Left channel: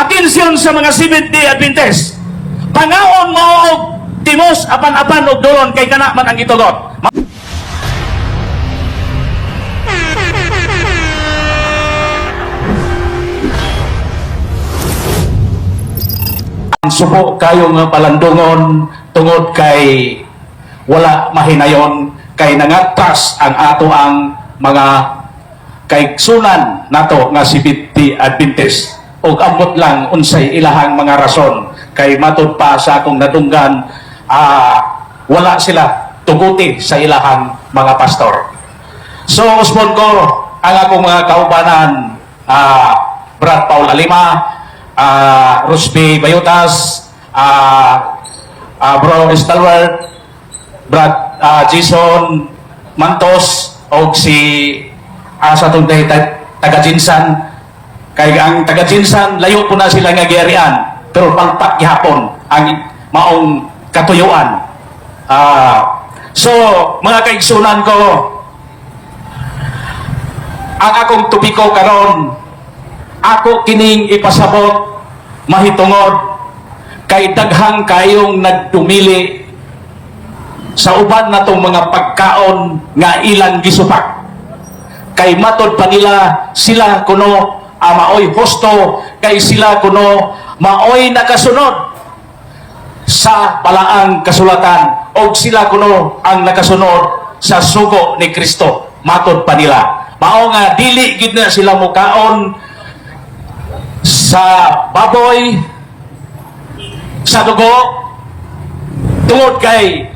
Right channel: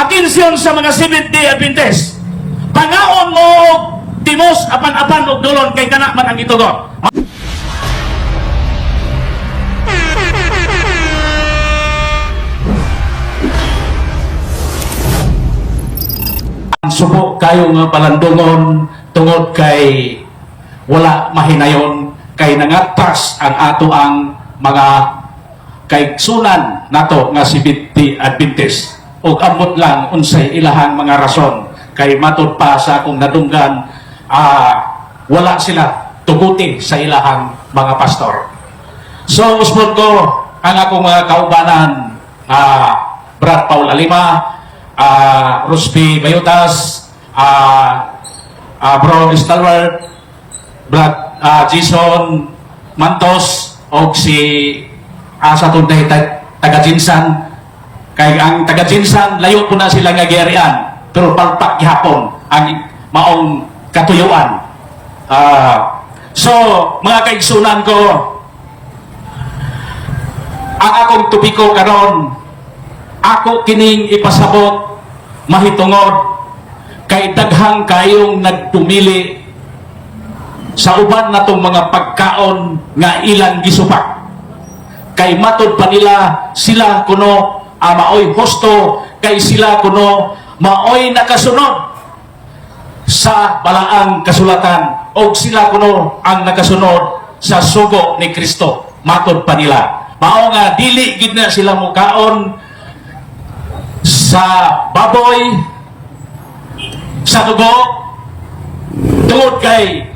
Atensyon sa mga Seventh-day Adventist. Pangaon mo og timos apan-apan og doon kay kana man ang gitugot. Subo kayo nga palandungon tungod kay wala mahinayon kay nangatpas ang ato ang mga kaigsunan nato nga Seventh-day Adventist ug ambot lang unsay ilahang mga rason kay matud pa sa akong nadunggan wala sila tuguti sa ilahang mga pastor. So usbon ko ang akong mga kaubanan, Brad Paul Alima, Rusty Bayutas, Bro Stalwart, Brad Jason Mantos, o si sa tunday taga-Jinsan. Kaya ang taga-Jinsan, layo po na sila nga giyarian, pero palpak gihapon ang maong katuyuan. So, mga kaigsunan ko, ang akong tubiko karon, ako kining ipasabot mahitungod kay daghang kayong nagtumili sa uban natong mga pagkaon nga ilang gisupak. Kay matod pa nila sila kuno maoy hosto, kay sila kuno maoy nakasunod sa balaang kasulatan o sila kuno ang nakasunod sa sugo ni Kristo. Matod pa nila. Mao nga dili gid na sila mukaon sa baboy, sa dugo, tungod kay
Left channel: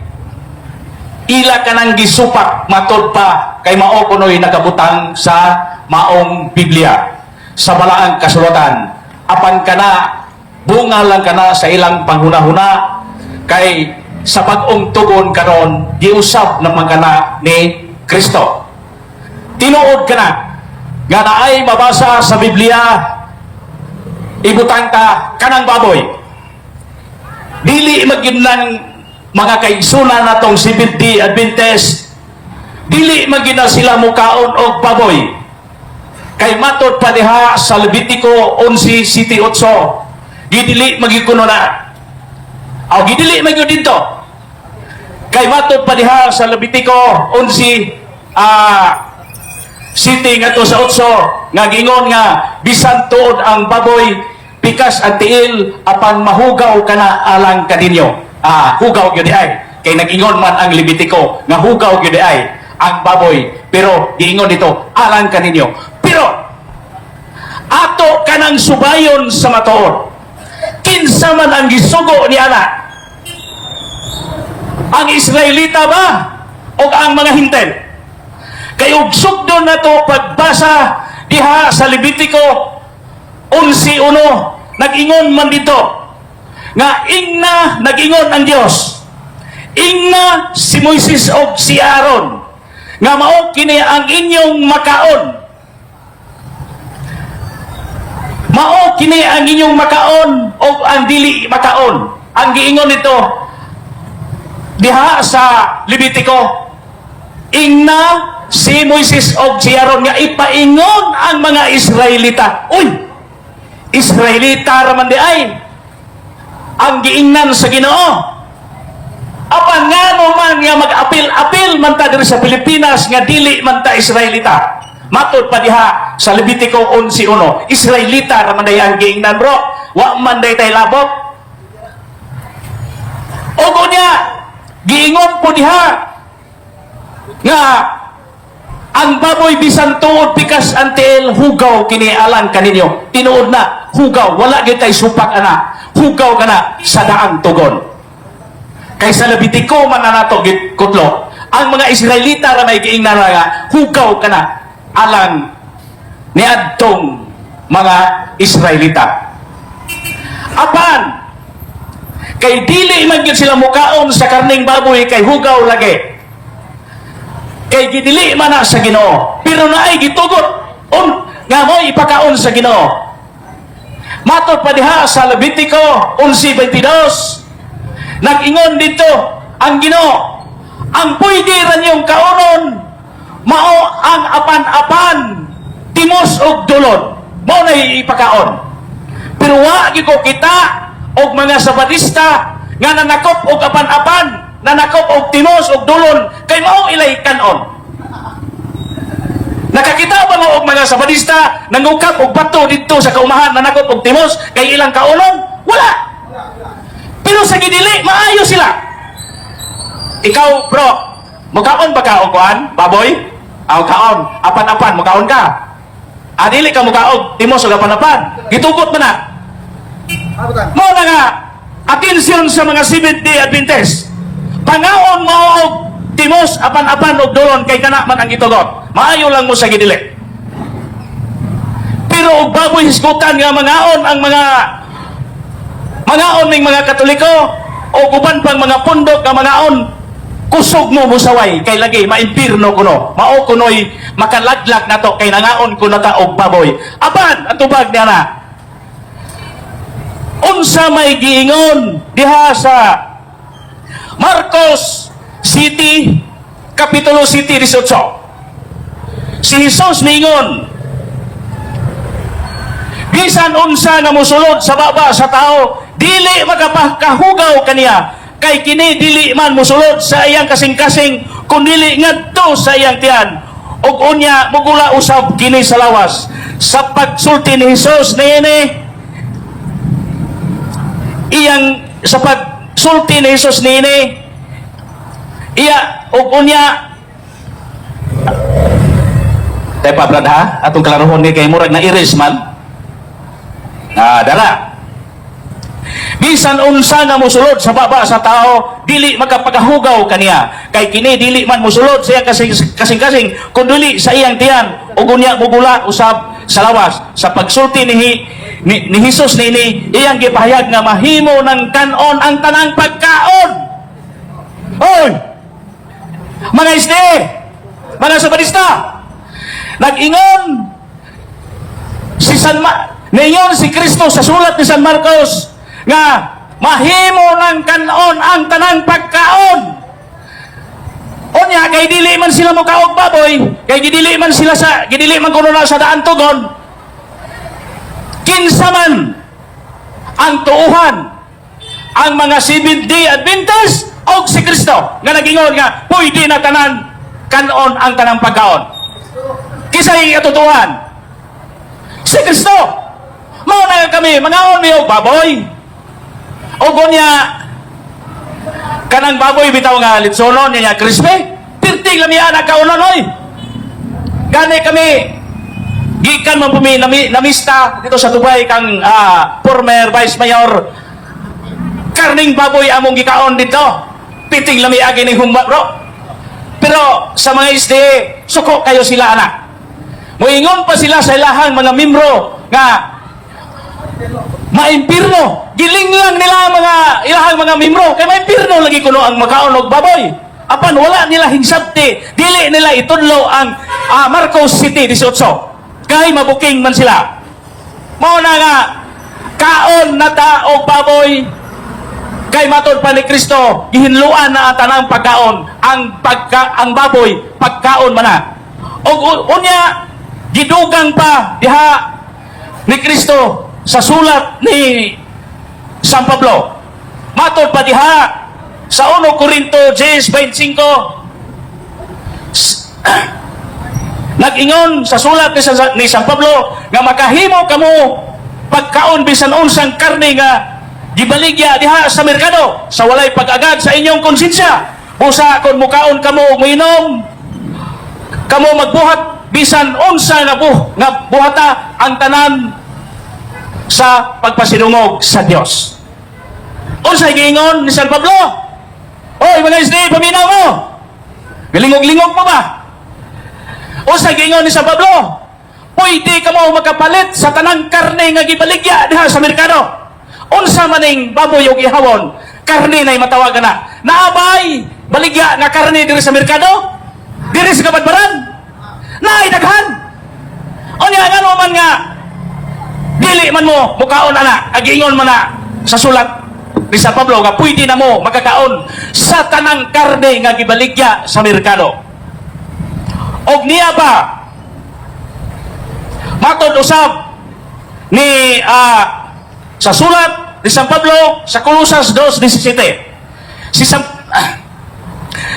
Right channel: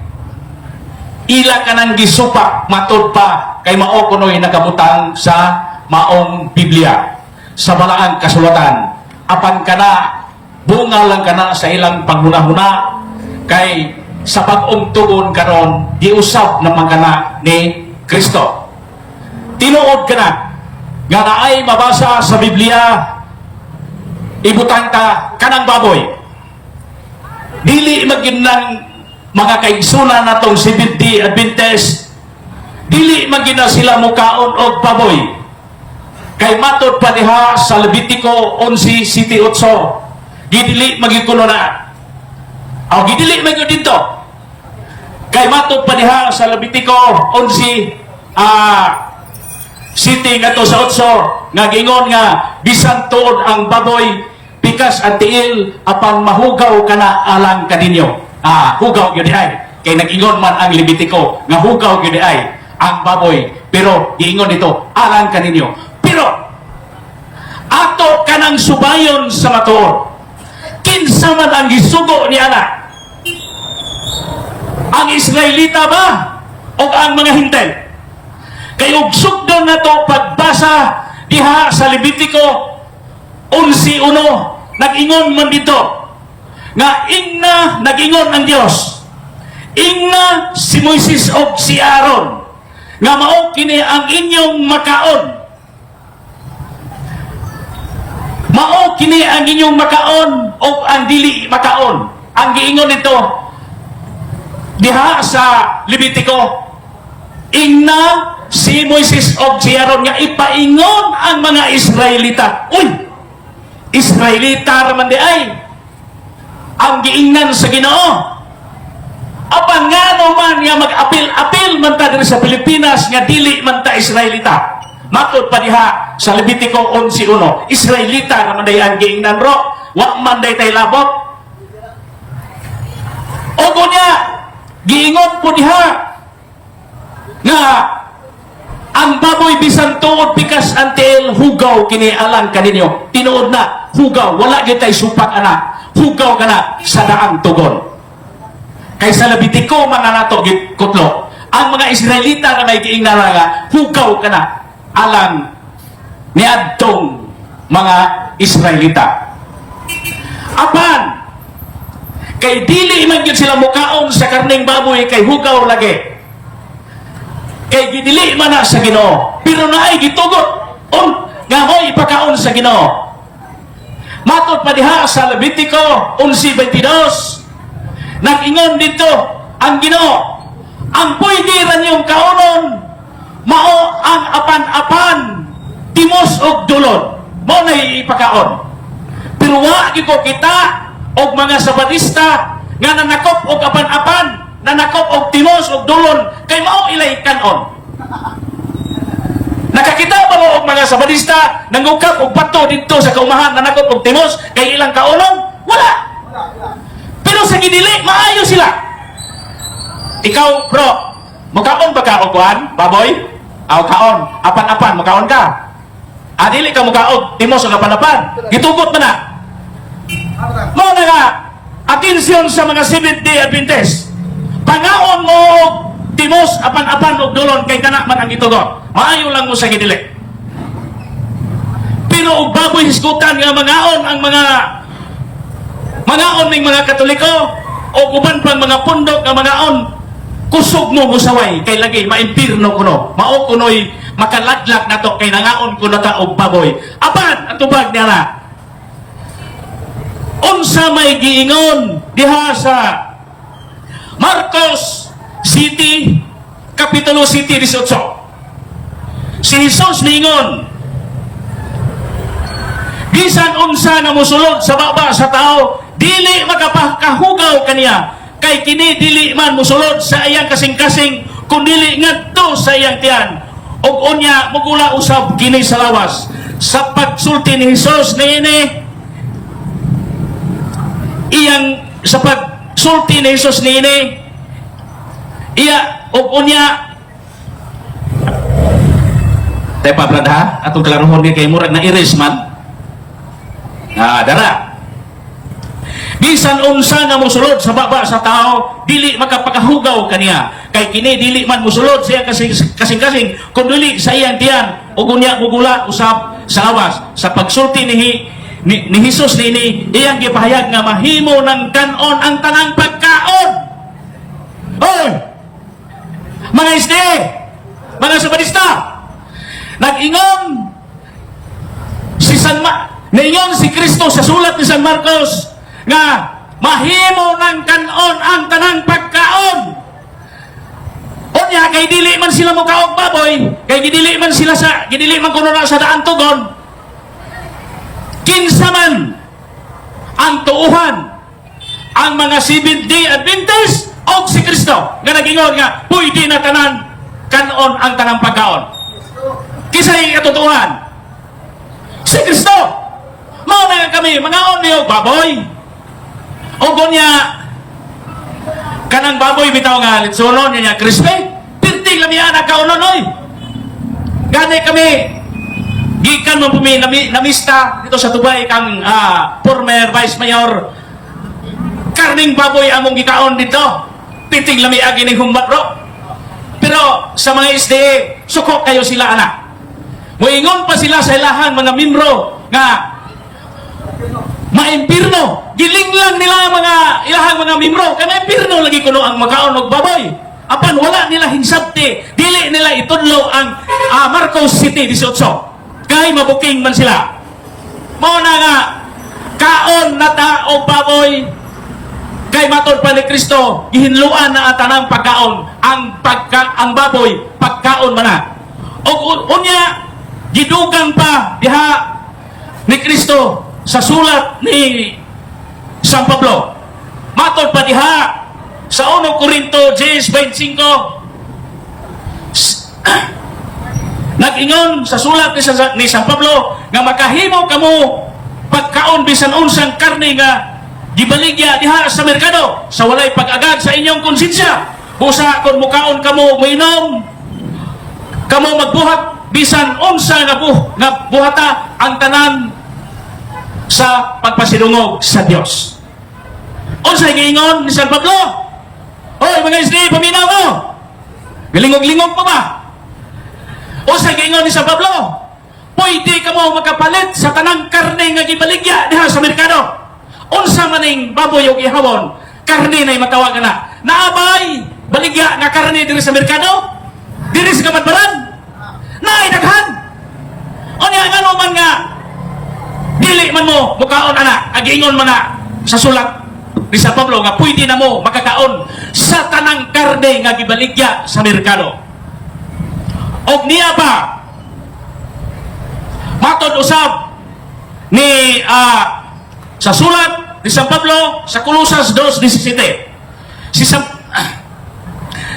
ila ka nang gisupak matod pa kay mao kuno'y nakabutang sa maong Biblia, sa balaang kasulatan. Apan kana, bunga lang kana sa ilang panghuna-huna kay sa pag-ong tugon karon giusab naman kana ni Kristo. Tinuod kana nga naay mabasa sa Biblia, ibutang ta kanang baboy. Dili maginang mga kaigsunan natong Seventh-day Adventist, dili magina sila mukaon og baboy. Kay matod pa diha sa Levitico 11:7-8, gidili magikuno na. Gidili magyo dito. Kay matod pa diha sa Levitico 11:7-8 nga gingon nga bisan tuod ang baboy pikas ang tiil apan mahugaw kana alang kaninyo. Hugaw gyud ay kay nag-ingon man ang Levitico nga hugaw gyud ay ang baboy, pero giingon dito alang kaninyo. Pero ato kanang subayon sa matuod, kinsa man ang gisugo ni ana? Ang Israelita ba o ang mga hintel? Kay og sugdon nato pagbasa diha sa Levitico 11:1, nag-ingon man dito nga ingna nag-ingon ang Dios, ingna si Moises o si Aaron nga mao kini ang inyong makaon, mao kini ang inyong makaon o ang dili makaon. Ang giingon nito diha sa Levitico, ingna si Moises o si Aaron nga ipaingon ang mga Israelita. Uy, Israelita raman di ay ang giingnan sa Ginoo. Apan nga man nga mag-apil-apil man ta diri sa Pilipinas nga dili man ta Israelita. Matod pa diha sa Levitico 11:1, Israelita raman day ang giingnan, bro. Wa man day tay labot. O niya giingon po diha nga ang baboy bisan tuod pikas antel hugaw kini alang kaninyo. Tinuod na hugaw, wala gyud tay supak ana. Hugaw kana sa daang tugon. Kay sa Levitico man nato gikutlo, ang mga Israelita nga giingnan nga hugaw kana alang ni adtong mga Israelita. Apan kay dili man gyud sila mukaon sa karning baboy kay hugaw lagi. Kay gidili man na sa Ginoo, pero naay gitugot nga may ipakaon sa Ginoo. Matod pa diha sa Levitico 11:22, nag-ingon dito ang Ginoo, ang pwede ra niyong kaonon mao ang apan-apan timos og dulon, mao na ipakaon. Pero wa Wagi ko kita og mga sabadista nga nanakop og apan-apan, nanakop og timos og dulon kay mao ilay kanon. Nakakita ba mo og mga sabadista nangukap og bato dito sa kaumahan nanakop og timos kay ilang kaulong? Wala. Pero sa gidili maayo sila. Ikaw, bro, mukaon ba ka og kuan, baboy? Aw kaon, apan-apan mukaon ka. Dili ka mukaog timos og apan-apan. Gitugot man na. Mo na nga, atensyon sa mga Seventh-day Adventist. Pangaon mo og timos, apan-apan og dulon kay kana man ang gitugot. Maayo lang mo sa gidili. Pero og baboy hisgutan nga mangaon ang mangaon ning mga Katoliko o uban pang mga pundok nga mangaon, kusog mo musaway kay lagi maimpirno kuno. Mao kunoy makalaglag na to kay nangaon ko na ta og baboy. Apan ang tubag na unsa may giingon diha sa Marcos City, Kapitulo City 18. Si Jesus ningon, bisan unsa na mosulod sa baba sa tao, dili magapakahugaw kaniya, kay kini dili man mosulod sa iyang kasing-kasing, kung dili ngadto sa iyang tiyan. Og unya mugula usab kini sa lawas. Sa pagsulti ni Jesus niini, iyang sa pagsulti ni Jesus niini, iya og unya tay pablad ha atong klarohon ni kay murag na iris man. Dara. Bisan unsa nga mosulod sa baba sa tao, dili magapagahugaw kaniya, kay kini dili man mosulod siya kasing-kasing kun dili sa iyang tiyan ug unya mugula usab sa lawas. Sa pagsulti ni Jesus nini, iyang gipahayag nga mahimo ng kanon ang tanang pagkaon. Oy, mga isde, mga sabadista, nag-ingon ngayon si Kristo sa sulat ni San Marcos nga mahimo ng kanon ang tanang pagkaon. Unya kay dili man sila mokaog baboy, kay gidili man kuno na sa daan tugon. Kinsa man ang tuuhan, ang mga Seventh-day Adventist o si Kristo nga nag-ingon nga pwede na tanan kanon ang tanang pagkaon. Kisay atutuhan si Kristo. Mao na kami mangaon niyo baboy. O gunya kanang baboy bitaw nga litsolon niya crispy. Pirting kami anak kaunon oy. Gani kami gikan man pumi namista dito sa Dubai kang former vice mayor. Karning baboy among gikaon dito. Piting lami agi ni humba bro. Pero sa mga isde suko kayo sila anak. Moingon pa sila sa ilahang mga membro nga maimpirno. Gilinglang nila mga ilahang mga membro kay maimpirno lagi kuno ang makaon og baboy. Apan wala nila hinsabti, dili nila itudlo ang Marcos City 18. Kay mabuking man sila. Mao na nga kaon na ta og baboy. Kay matod pa ni Kristo, gihinluan na tanang pagkaon, ang baboy pagkaon man na. Og unya gidugang pa diha ni Kristo sa sulat ni San Pablo. Matod pa diha sa 1 Corinto 10:25 nag-ingon sa sulat ni San Pablo nga makahimo kamo pagkaon bisan unsang karne nga gibaligya diha sa merkado sa walay pag-agad sa inyong konsensya. Busa kon mukaon kamo moinom, kamo magbuhat bisan unsa nga buhata ang tanan sa pagpasidungog sa Dios. Unsa giingon ni San Pablo? Oy mga isdi, paminaw mo. Galingog-lingog pa ba? Unsa giingon ni San Pablo? Pwede ka mo makapalit sa tanang karne nga gibaligya diha sa merkado. Unsa maning baboy o ihawon, karne na matawagan na. Naabay baligya na karne diri sa merkado? Diri sa Kabadbaran? Naay daghan. Unya ngano man nga dili man mo mukaon ana, agingon man na sa sulat ni San Pablo nga pwede na mo makakaon sa tanang karne nga gibaligya sa merkado. Og niya pa matod usab ni sa sulat ni San Pablo sa Colosas 2:17.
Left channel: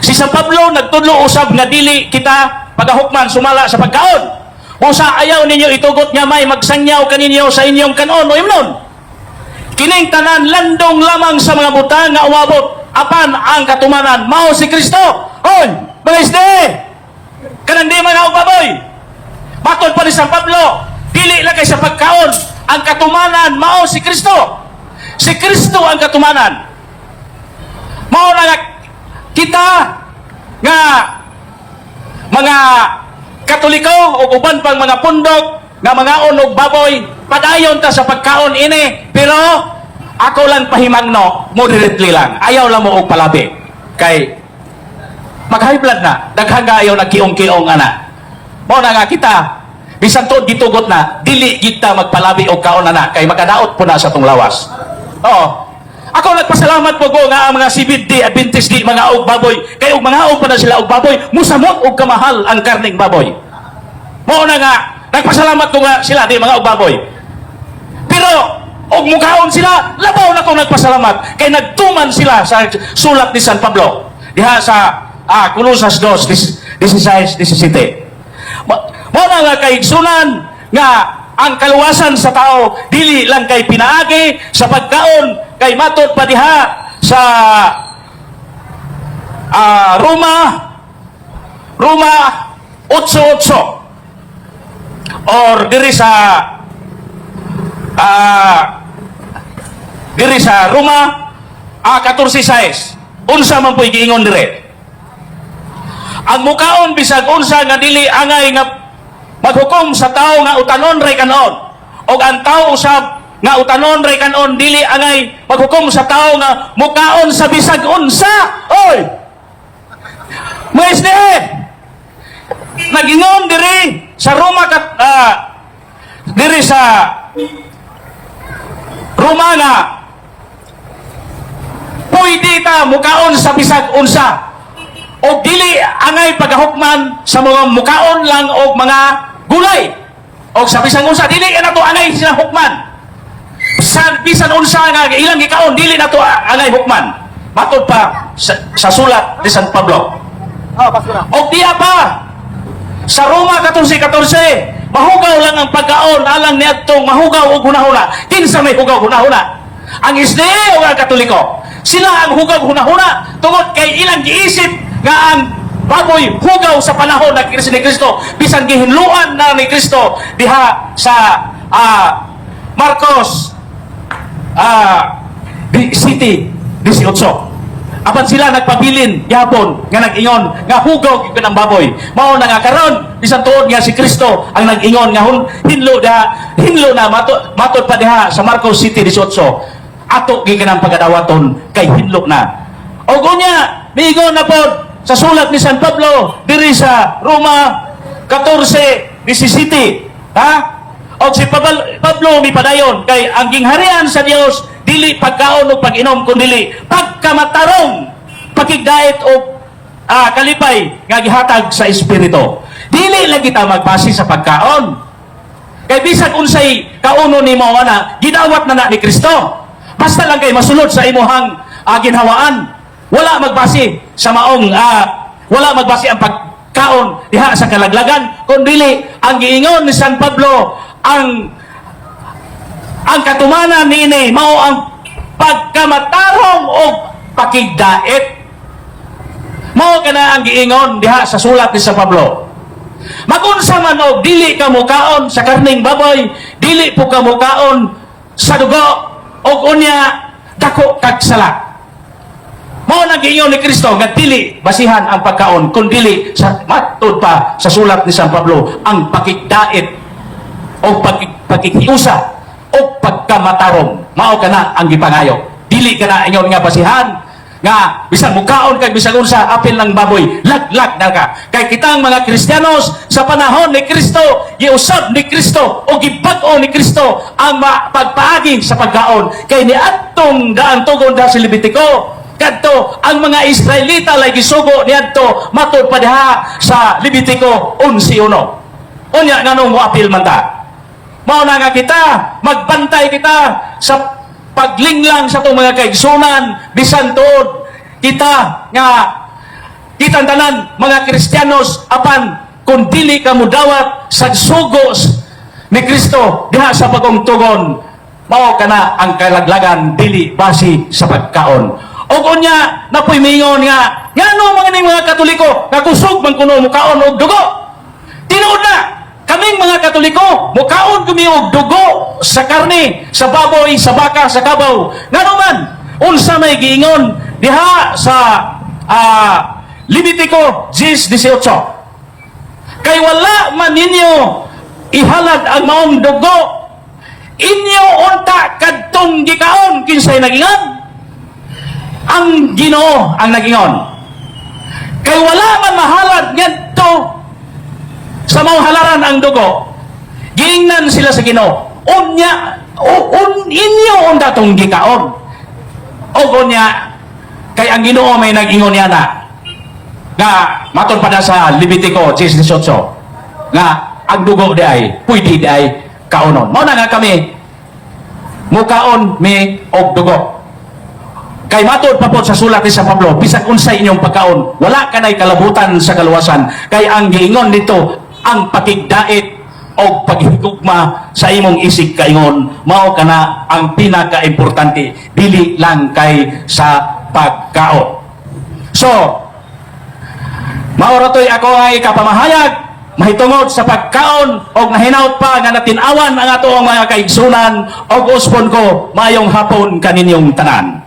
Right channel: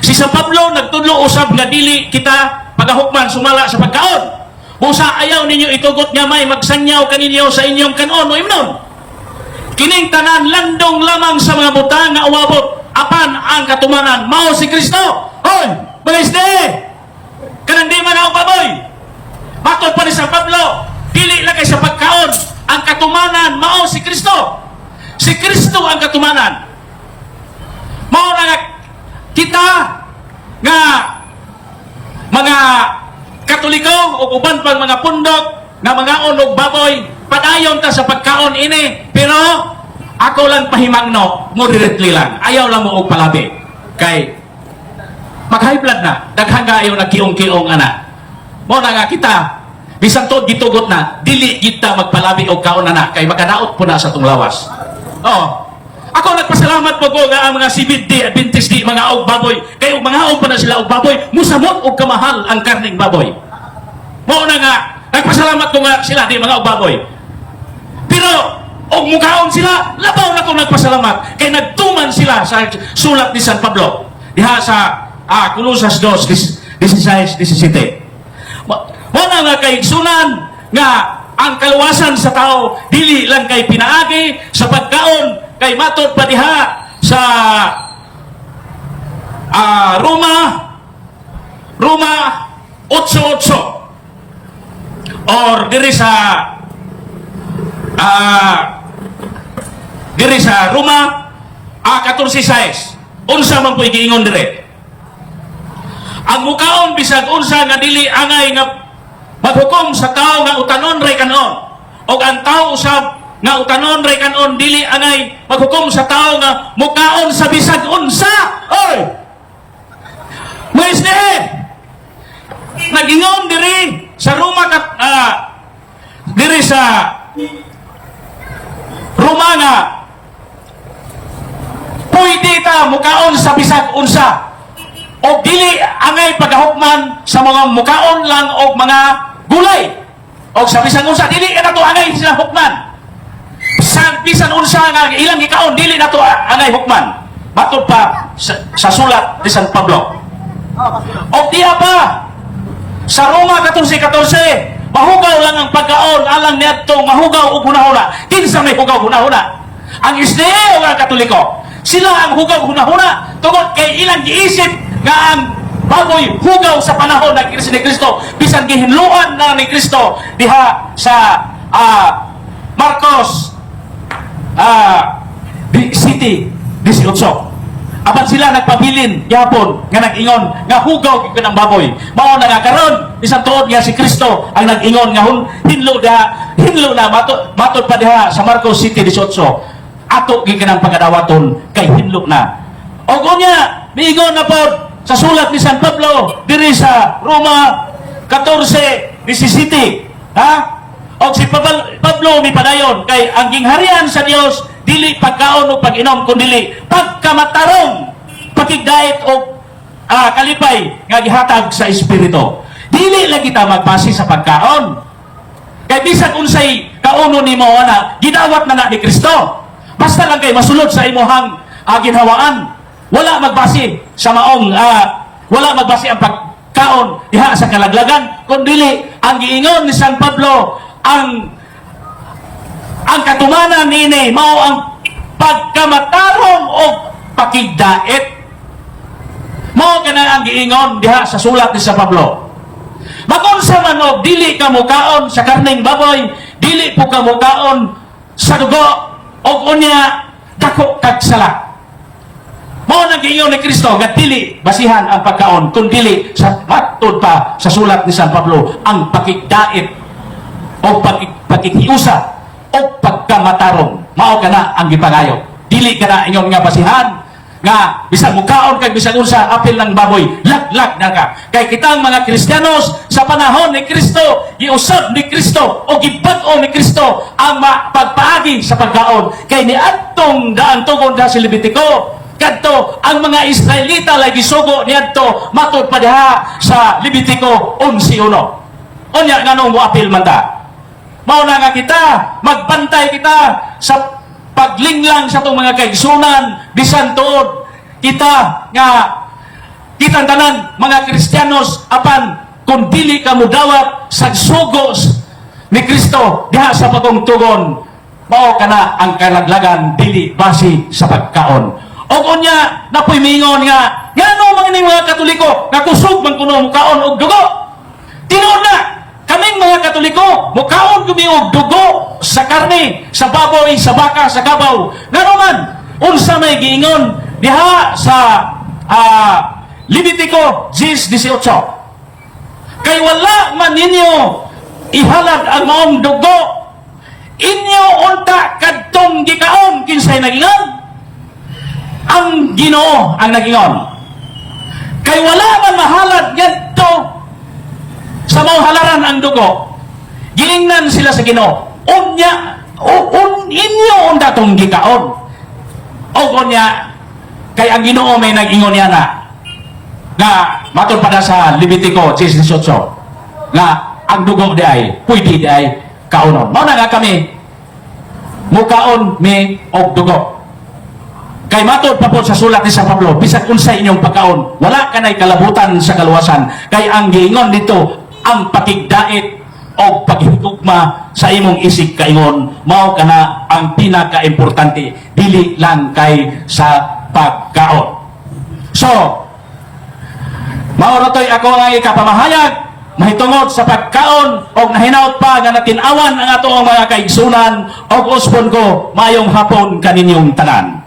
Si San Pablo nagtudlo usab nga dili kita pagahukman sumala sa pagkaon. Busa ayaw ninyo itugot nga may magsangyaw kaninyo sa inyong kanon o imnon. Kining tanan landong lamang sa mga butang nga umabot apan ang katumanan mao si Kristo. Hoy, bilis de. Kanang di man og baboy. Matod pa ni San Pablo, dili lagi sa pagkaon, ang katumanan mao si Kristo. Si Kristo ang katumanan. Mao na nga kita nga mga Katoliko o uban pang mga pundok na mga og baboy, padayon ta sa pagkaon ini, pero ako lang pahimangno, moderately lang. Ayaw lang mo og palabi. Kay mag-high blood na, daghan nga ayaw nagkiong-kiong ana. Mao na nga kita, bisan to ditugot na, dili kita magpalabi og kaon ana kay makadaot po na sa tong lawas. Oo. Ako nagpasalamat po nga ang mga CBD, Adventist, mga og baboy. Kaya og mga og pa na sila og baboy, musamot og kamahal ang karning baboy. Mao na nga, nagpasalamat ko nga sila di mga og baboy. Pero, og mukaon sila, labaw na ko nagpasalamat. Kaya nagtuman sila sa sulat ni San Pablo. Diha sa Colosas 2:16-17. Mao na nga kay sunan nga ang kaluwasan sa tao dili lang kay pinaagi sa pagkaon kay matod pa diha sa Roma 8:8 or diri sa Roma 14:6 unsa man po'y giingon dire ang mukaon bisag unsa nga dili angay nga maghukom sa tao nga utanon ray kanon og ang tao usab nga utanon ray kanon dili angay maghukom sa tao nga mukaon sa bisag unsa. Oy, mais ne nagingon diri sa Roma diri sa Romana pwede ta mukaon sa bisag unsa o dili angay pagahukman sa mga mukaon lang o mga gulay o sa bisan unsa dili na to angay sila hukman sa bisan unsa nga ilang gikaon dili na to angay hukman matod pa sa sulat ni San Pablo. O diya pa sa Roma 14:14 mahugaw lang ang pagkaon alang niadtong mahugaw og hunahuna. Kinsa may hugaw hunahuna? Ang Israel o ang Katoliko sila ang hugaw hunahuna tungod kay ilang giisip nga ang baboy hugaw sa panahon ng Kristo bisan gihinluan na ni Kristo diha sa Marcos City 18. Apan sila nagpabilin yapon nga nag-ingon nga hugaw gyud ang baboy. Mao na nga karon bisan tuod nga si Kristo ang nag-ingon nga hinlo na matod pa diha sa Marcos City 18. Ato giginang pagadawaton kay hinlo na. Og unya niingon na pod sa sulat ni San Pablo diri sa Roma 14:17 o si Pablo ni padayon kay ang gingharian sa Dios dili pagkaon o pag-inom kundi pagkamatarong pakigdait o kalipay nga gihatag sa espiritu. Dili lang kita magbase sa pagkaon kay bisag unsay kauno nimo ana gidawat na ni Kristo basta lang kay masulod sa imuhang ginhawaan. Wala magbase sa maong wala magbase ang pagkaon diha sa kalaglagan kundi ang giingon ni San Pablo ang katumanan nini mao ang pagkamatarong o pakigdait. Mao kana ang giingon diha sa sulat ni San Pablo. Magunsa man og dili ka mukaon sa karning baboy, dili po ka mukaon sa dugo og unya dako kag sala. Mao nang giingon ni Kristo nga dili basihan ang pagkaon kun dili sa matud pa sa sulat ni San Pablo ang pakigdait o pagkikiusa o pagkamatarong. Mao kana ang gipangayo. Dili kana ingon nga basihan nga bisan mukaon kay bisan unsa apil lang baboy laglag na ka. Kay kitang mga Kristiyanos sa panahon ni Kristo giusab ni Kristo o gibag-o ni Kristo ang pagpaagi sa pagkaon kay niadtong daan tugon sa Levitico kadto ang mga Israelita lay gisugo niadto matud pa diha sa Levitico 11:1. Unya nganong moapil man ta? mao na nga kita, magbantay kita sa paglinglang sa itong mga kaigsunan, bisan tuod kita nga kitang tanan mga Kristiyanos apan kung dili ka mudawat sa sugos ni Kristo diha sa pagungtugon, mao kana ang kalaglagan dili base sa pagkaon. O unya napoy mingon nga ngano mga ning mga Katoliko nga kusog man kuno mukaon og dugo. Tinuod na kaming mga Katoliko mukaon kami og dugo sa karne, sa baboy, sa baka, sa kabaw. Ngano man unsa may giingon diha sa Levitico 10:18. Kay wala man ninyo ihalad ang maong dugo, inyo unta kadtong gikaon kinsay nagingan? Ang Ginoo ang nagingon. Kay wala man mahalad ngadto sa mga halaran ang dugo, giingnan sila sa Ginoo. Unya, inyo unta tong gikaon. O unya, kay ang Ginoo may nagingon niya na matod pa na sa Levitico 10:18 na ang dugo di ay pwede di ay kaunon. Mao na nga kami mukaon mi og dugo. Kay matod pa po sa sulat ni San Pablo, bisan unsay inyong pagkaon, wala ka na'y kalabutan sa kaluwasan. Kay ang giingon dito, ang patigdait o paghigugma sa imong isig kaingon, mao kana ang pinaka-importante, dili lang kay sa pagkaon. So, mao ratoy ako ay kapamahayag mahitungod sa pagkaon o nahinaut pa nga natin-awan ang atong mga kaigsunan o uspon ko mayong hapon kaninyong tanan.